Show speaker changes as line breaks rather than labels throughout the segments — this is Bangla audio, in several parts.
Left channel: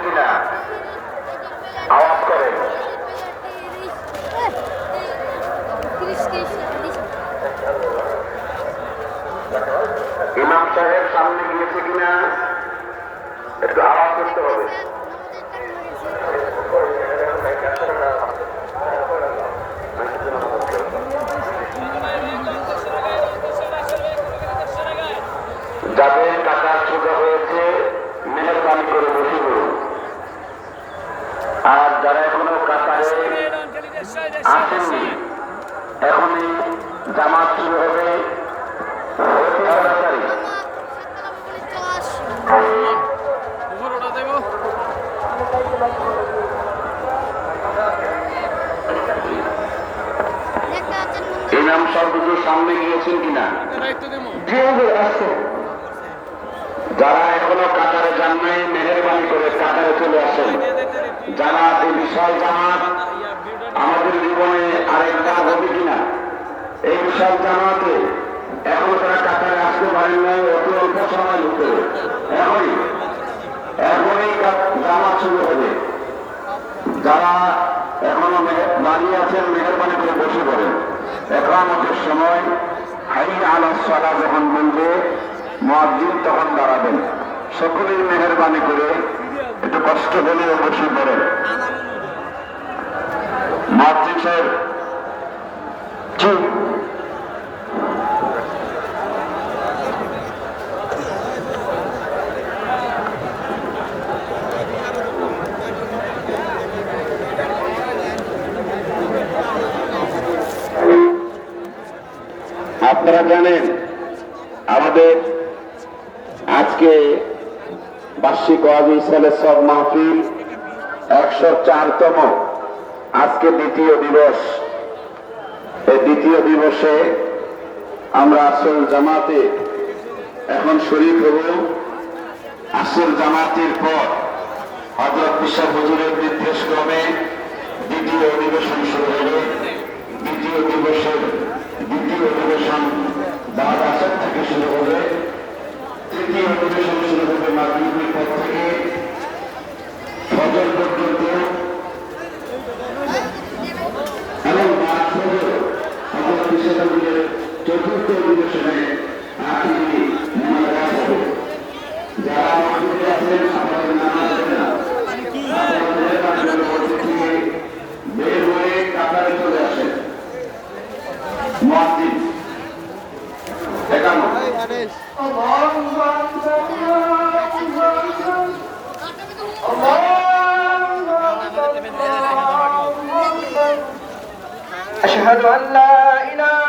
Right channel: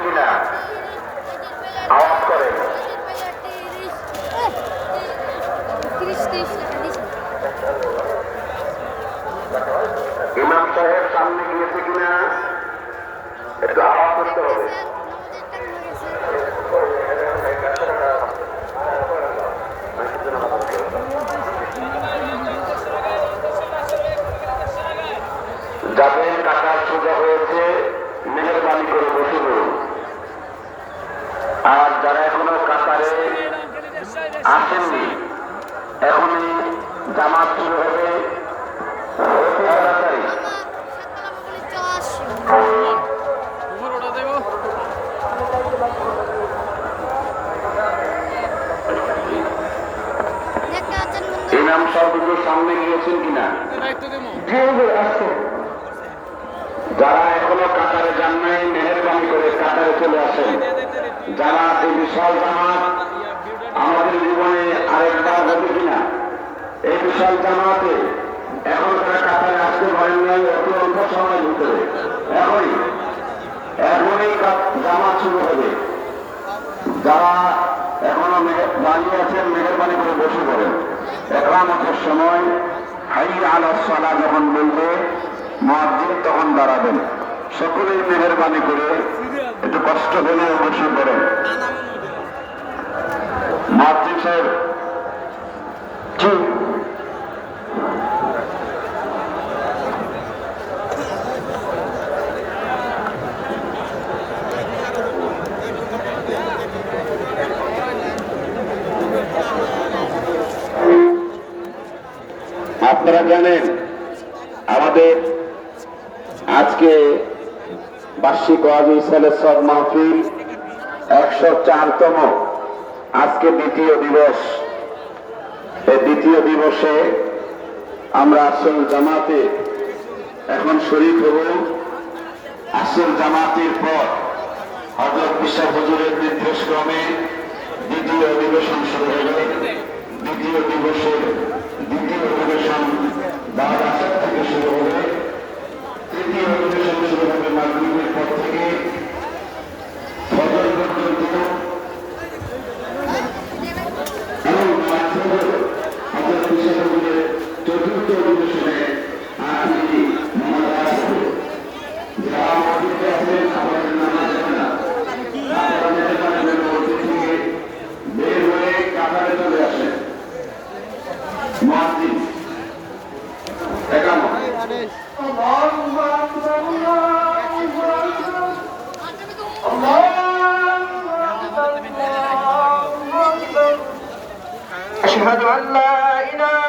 কিনা আওয়াজ করেন ইমাম সাহেব সামনে গিয়েছে কিনা? একটু আওয়াজ করতে হবে যাদের কাটার সোজা হয়েছে মেহরবানি করে বসে পড়ুন। আর যারা এখনও কাতারে আসেননি এখনই জামাত শুরু হবে। সামনে গিয়েছেন কিনা?
দায়িত্ব দেবো।
যারা এখনও কাতারে যান নাই, মেহরবানি করে কাতারে চলে আসেন। যারা এই বিশাল জামাত আমাদের জীবনে আরেকটা হবে কিনা, এই বিশাল জামাতে এখন তারা কাতারে আসতে পারেন নাই অত অল্প সময় ভিতরে এখনই এখনই জামাত শুরু হবে। যারা এখনও দাঁড়িয়ে আছেন, মেহরবানি করে বসে পড়েন। একামতের সময় হাই আলা সালা যখন বলবে মসজিদ তখন দাঁড়াবেন। সকলেই মেহরবানি করে একটু কষ্ট হলেও বসে পড়েন। মসজিদ সাহেব আপনারা জানেন, আমাদের আজকে বার্ষিক ওয়াজি ইসলামের সব মাহফিল একশো চারতম। আজকে দ্বিতীয় দিবস। এই দ্বিতীয় দিবসে আমরা আসল জামাতে এখন শরীর হব। আসল জামাতের পর হজরত বিশ্বাস হুজুরের নির্দেশ ক্রমে দ্বিতীয় অধিবেশন শুরু হবে দ্বিতীয় দিবসের দ্বিতীয় অধিবেশন বারো আসর থেকে শুরু হবে তৃতীয় অধিবেশন শুরু হবে মাধ্যমিকের পর থেকে ফজর পর্যন্ত এবং মার্চ পর্যন্ত হজরত বিশ্বাস হুজুরের চতুর্থ অধিবেশনে আখিরি মনোনয়ন হবে যারা মসজিদে আছেন আপনাদের নাম আছে না আপনারা মেহরবানি করে মসজিদ থেকে বের হয়ে কাতারে চলে আসেন মসজিদ একান্ন
أشهد أن لا إله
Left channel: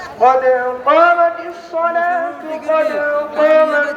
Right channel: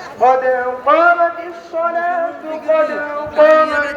قد قامت الصلاة قد قامت